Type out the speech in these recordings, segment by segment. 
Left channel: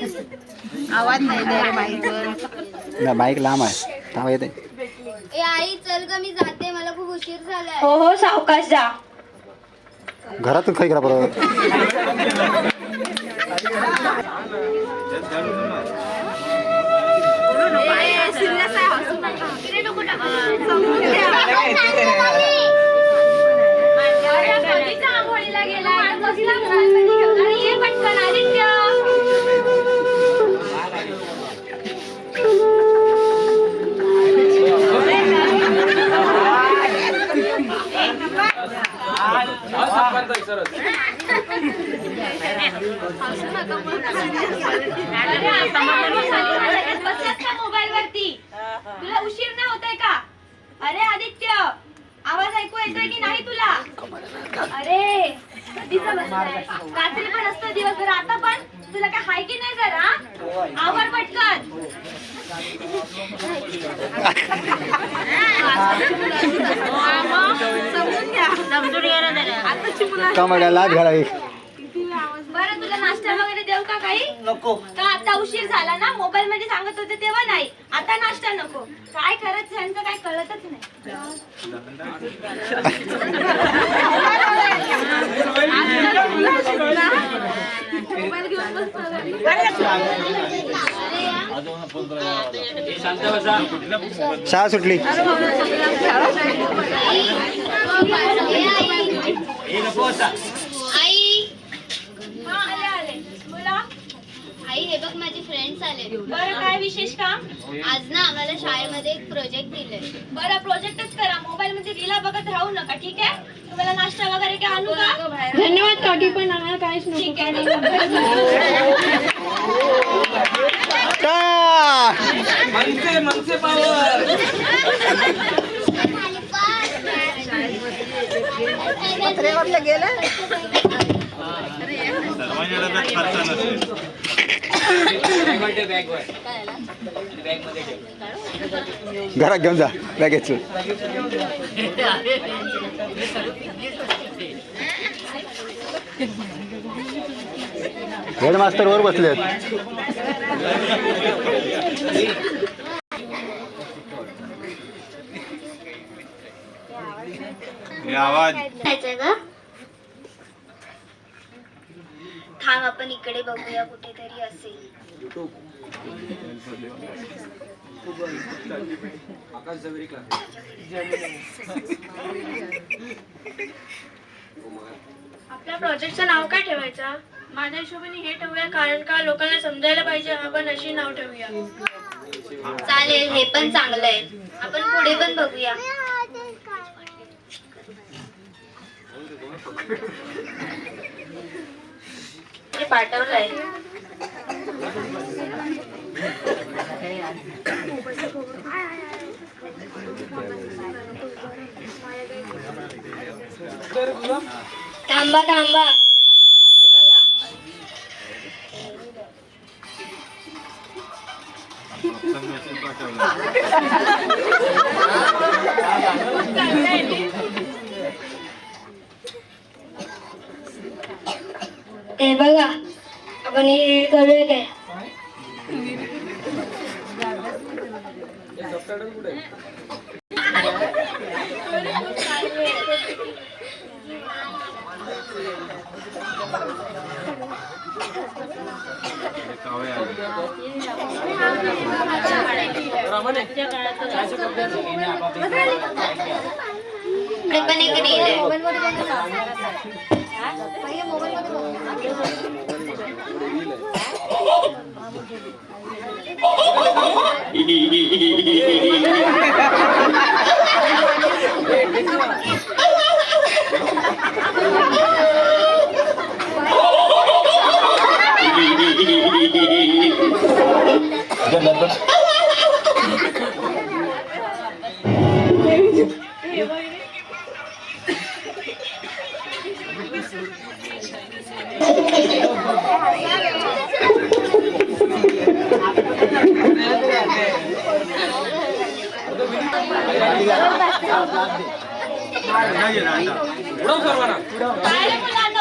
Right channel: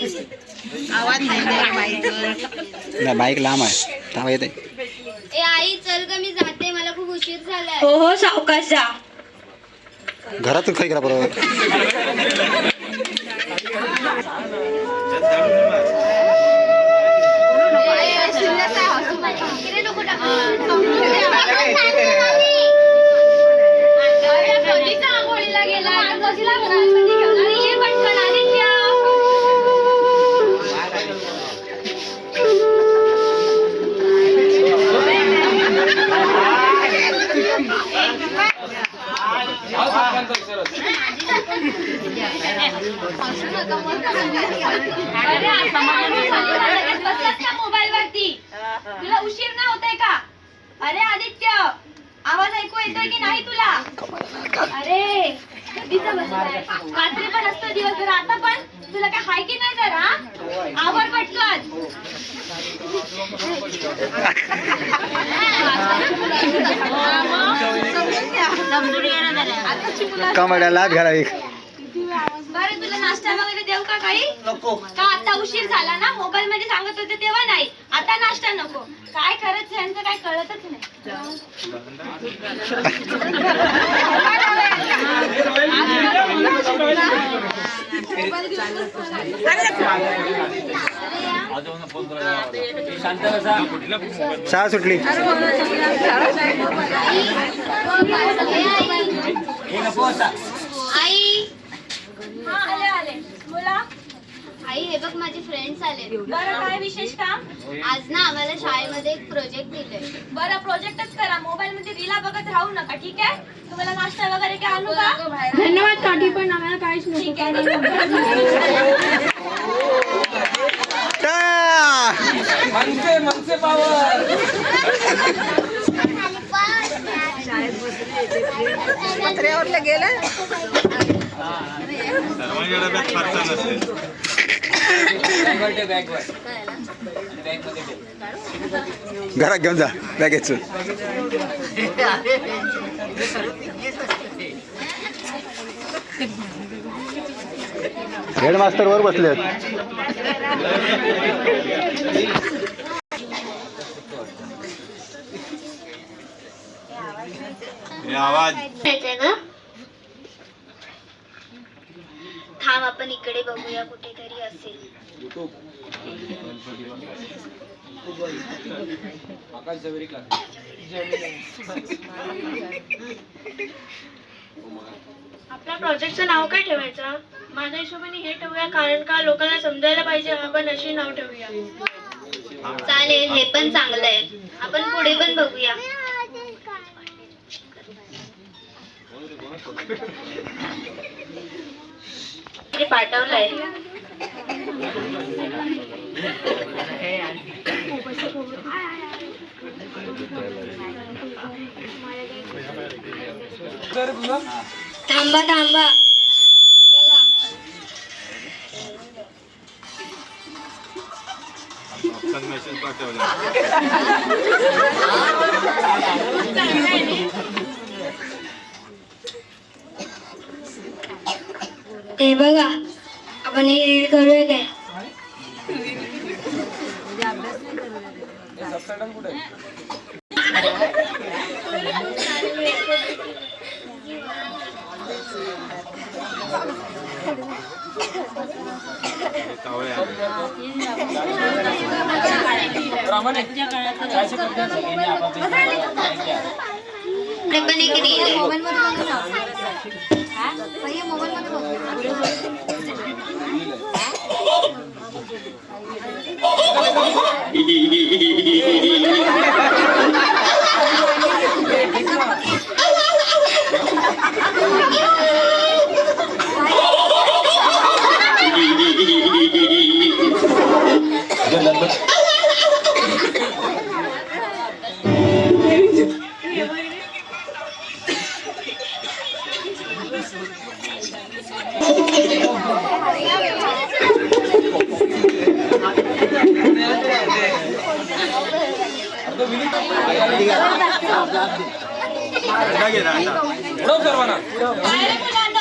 आवाज नाही बाईक लांब आहे थांबा येते. ए आई चल ग मी जाते मला खूप उशीर झालाय. हो हो सावकाश जा. घरातच काही करा बरोबर. मोबाईल वरती तुला उशीर नाही होतय का? अरे आदित्य आवाज ऐकू येतोय की नाही तुला? अरे रात्री पण असतो दिवसभर आता पण तुला काय हाय की नाही जरा आवर पटकन. कमड्याला घाला एक. बरं तुला नाश्ता वगैरे देऊ का काही? नको का आता उशीर झाला ना मोबाईल मध्ये सांगत होते तेव्हा नाही आता नाश्ता नको. काय करत यांचं काय कळतच नाही. शाळा सुटली. आई हा आले आले बोला. आई हे बघ माझे फ्रेंड्स आले. बरं काय विशेष काम? आज ना आम्हाला शाळेमध्ये एक प्रोजेक्ट दिलंय. बरं प्रोजेक्टच करा मोबाईल मध्ये रीला बघत राहू नका ठीक आहे. तुम्हाला नाश्ता वगैरे काय आणू का? धन्यवाद काठी पण आम्हाला काहीच नको. घरात घेऊन जा बॅगेच. हेडमास्टर वर बसलेत. आवाज थांब आपण इकडे बघूया कुठेतरी असेल. आपल्या प्रोजेक्टचं नाव काय ठेवायचं? माझ्या हिशोबाने हे ठेवूया कारण का लोकांना समजायला पाहिजे आपण अशी नाव ठेवूया. चालेल हे पण चांगलं आहे. आपण पुढे पण बघूया. पाठवलंय. थांबा थांबा. हे बघा आपण हे करूया काय? पण एक रील आहे.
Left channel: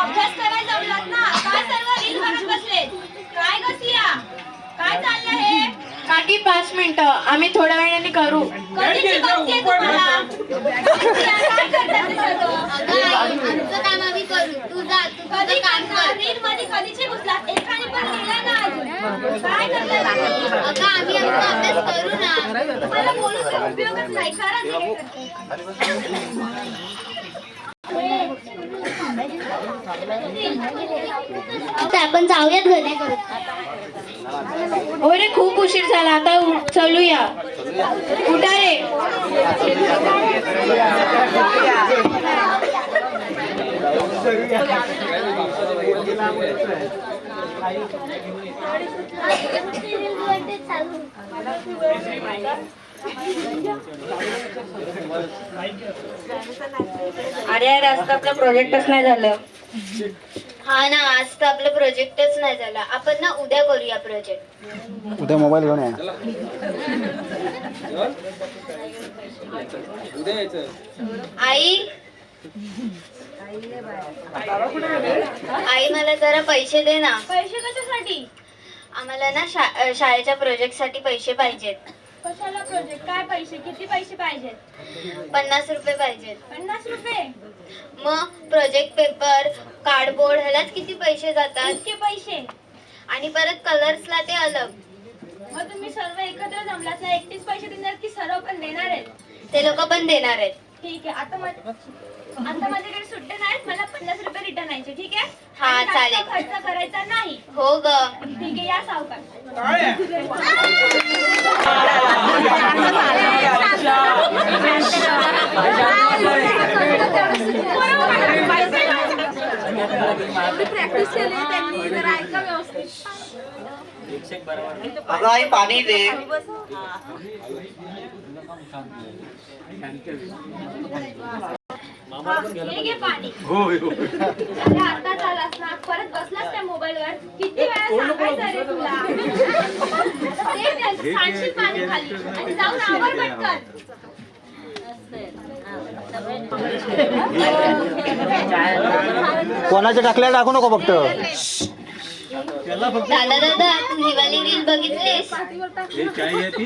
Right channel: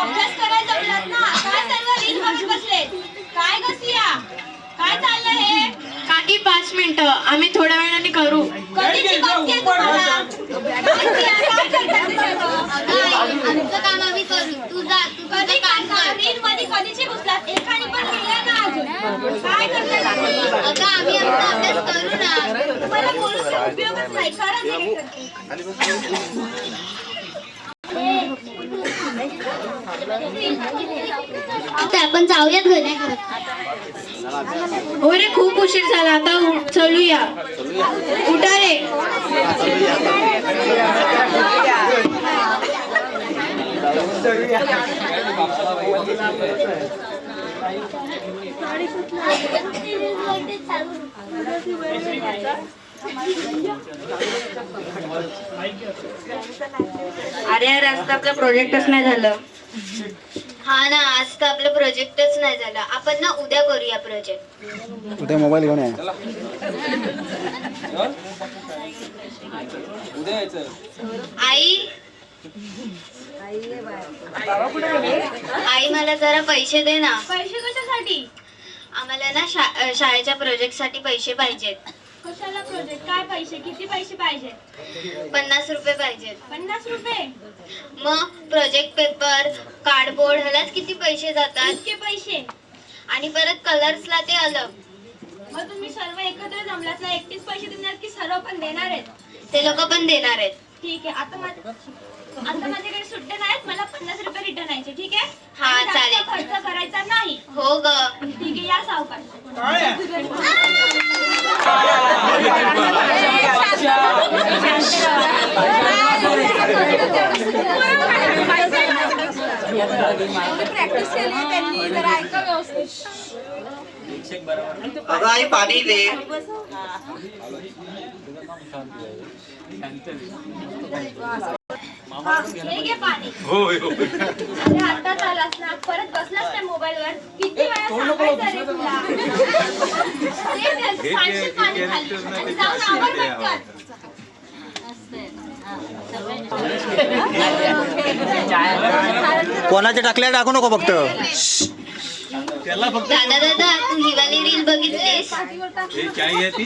अभ्यास करायला जमलात ना? काय सर्व रील बघत बसलेत? काय ग सिया? काय चाललंय हे? काकी 5 मिनिटं आम्ही थोड्या वेळाने करू. कधीची बाकी आहे तुम्हाला? काय करता तुम्ही लोकं? आमचं काम आम्ही करू. तू जा, तू तुझं कधी काम कर. रील मध्ये कधीचे घुसलात? एकाने पण लिहिलंय ना अजून. काय करताय तुम्ही? अगं आम्ही आमचा अभ्यास करू ना. तुम्हाला बोलून काही उपयोगच नाही. करा ते काय करते. आता आपण जाऊयात घरी. हो रे खूप उशीर झाला आता चलूया. उठा रे. अरे यार आज तर आपला प्रोजेक्टच नाही झालं. हा ना, आज तर आपलं प्रोजेक्टच नाही झाला. आपण ना उद्या करूया प्रोजेक्ट. उद्या मोबाईल घेऊन या. आई आई मला जरा पैसे दे ना. पैसे कशासाठी? आम्हाला ना शाळेच्या प्रोजेक्ट साठी पैसे पाहिजेत. कशाला प्रोजेक्ट? काय पैसे? किती पैसे पाहिजे? 50 रुपये पाहिजेत. 50 रुपये? मग प्रोजेक्ट पेपर, कार्डबोर्ड ह्यालाच किती पैसे जातात. इतके पैसे? आणि परत कलर्सला ते अलग. मग तुम्ही सर्व एकत्र जमलात ना, एकटीच पैसे देणार की सर्व पण देणार आहेत? ते लोक पण देणार आहेत. ठीक आहे. आता माझ्याकडे सुट्टे नाहीत. मला 50 रुपये रिटर्न यायचे. ठीक आहे? हा, आणि जास्त चालेल. खर्च करायचा नाही. हो ग. ठीक आहे, या सावकार. अगं आई पाणी दे. हे घे पाणी. अरे आत्ताच आलास ना, परत बसलास त्या मोबाईलवर. किती वेळा सांगायचं रे तुला? ते सांडशील पाणी खाली आणि जाऊन आवर पटकन. कोणाच्या टाकल्या टाकू नको फक्त. दादा दादा तू ही वाली रील बघितलीस? हे चाय आहे ती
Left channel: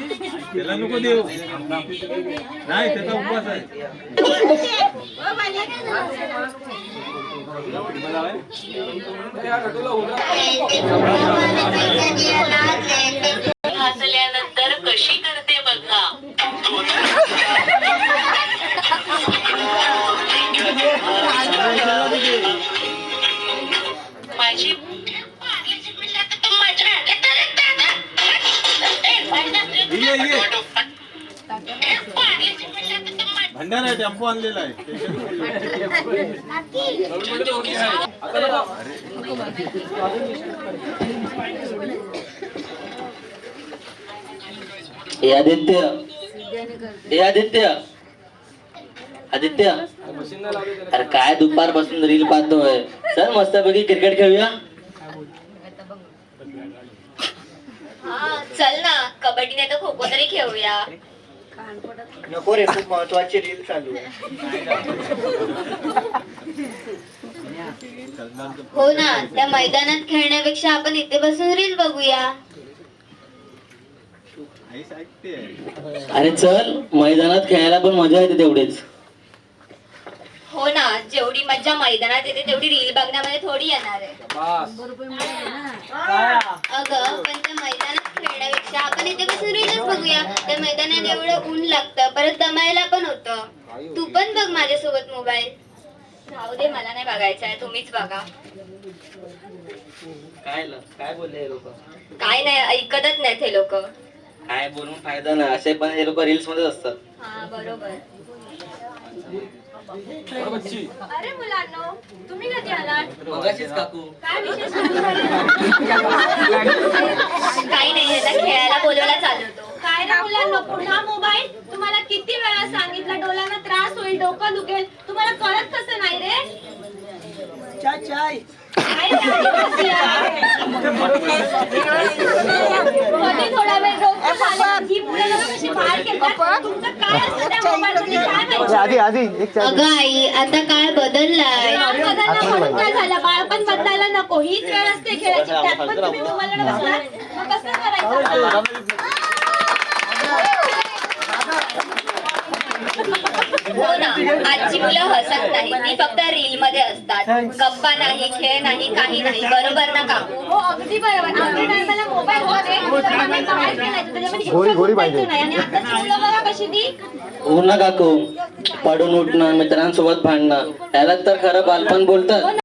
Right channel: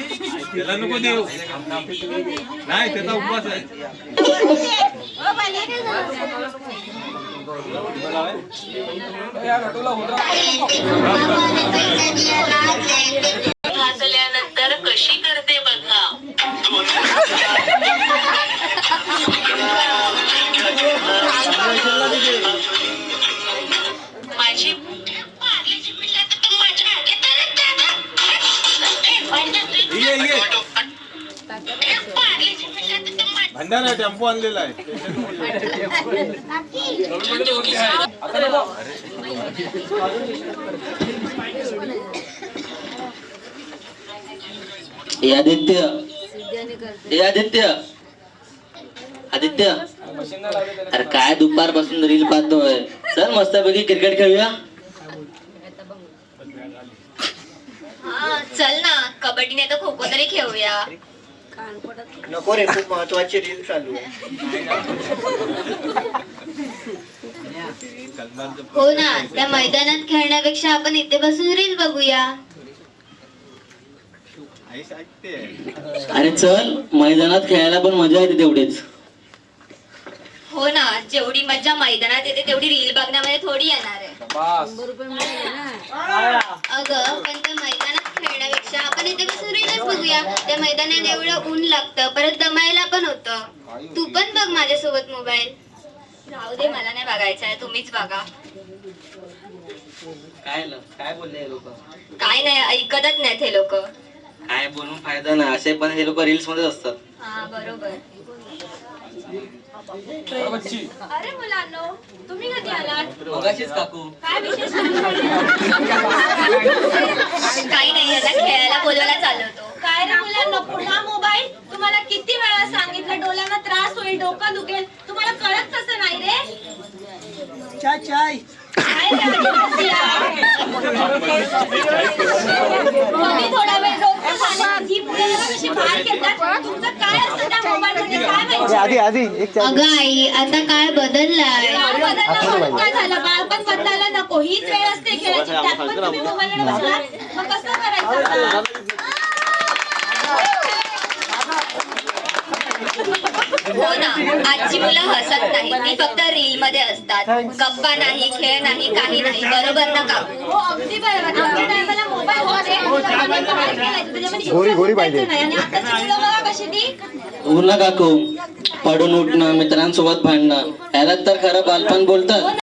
त्याला नको देऊ नाही त्याचा उपवास आहे भाजल्यानंतर कशी करते बघा. माझी भंडारा टेम्पो आणलेला आहे आदित्य आदित्य अरे काय दुपारपासून रील पाहतोय. चल मस्तपैकी क्रिकेट खेळूया. हा चल ना, कबड्डी नाही तर खो खो तरी खेळूया. नको रे, खूप महत्वाची रील चालू आहे. हो ना, त्या मैदानात खेळण्यापेक्षा आपण इथे बसून रील बघूया. अरे चल, मैदानात खेळायला पण मजा येते तेवढीच. हो ना, जेवढी मजा मैदानात येते तेवढी रील बघण्यामध्ये थोडी येणार आहे. अगं पण त्या मैदानात खेळण्यापेक्षा आपण इथे बसून रीलच बघूया. त्या मैदानात एवढं ऊन लागतं, परत दमायला पण होतं. तू पण बघ माझ्यासोबत मोबाईल. राहू दे, मला नाही बघायचं आहे, तुम्हीच बघा. काय बोलले लोक? काय नाही, ऐकतच नाहीत हे लोक. काय बोलून फायदा नाही, असे पण हे लोक रील्स मध्येच असतात. हा बरोबर. अरे मुलांनो, तुम्ही कधी आलात? मगाशीच काकू. काय विशेष? काही नाही, यांना खेळायला बोलवायला चालवतो. काय रे मुलांनो, पुन्हा मोबाईल? तुम्हाला किती वेळा सांगितलं, डोळ्यांना त्रास होईल, डोकं दुखेल. तुम्हाला कळत कसं नाही रे? काय रे, आणि कशी आहे? कधी थोडा वेळ डोकं झालं, जीभ कशी बाहेर खेळतात तुमचं काय असतं त्या मोबाईलमध्ये काय माहिती? ए, आधी आधी एक चहा घे. अगं आई आता काळ बदललाय काय झालं बाळपण बदलायला नको हीच वेळ असते खेळायची त्यात पण तुम्ही मोबाईलकडे बसणार मग कसं करायचं हो ना आजची मुलं हसत नाही ती फक्त रील मध्ये असतात गप्पा नाही खेळ नाही काही नाही बरोबर ना काकू हो अगदी बरोबर आमच्या टायमाला मोबाईल होते मोबाईलमध्ये बाहेर खेळायचं त्याच्यामध्ये गोरी गोरी पाहिजे. नाही आणि आताची मुलं बघा कशी ती हो ना काकू पडून उठणं मित्रांसोबत भांडणं याला तर खरं बालपण बोलतात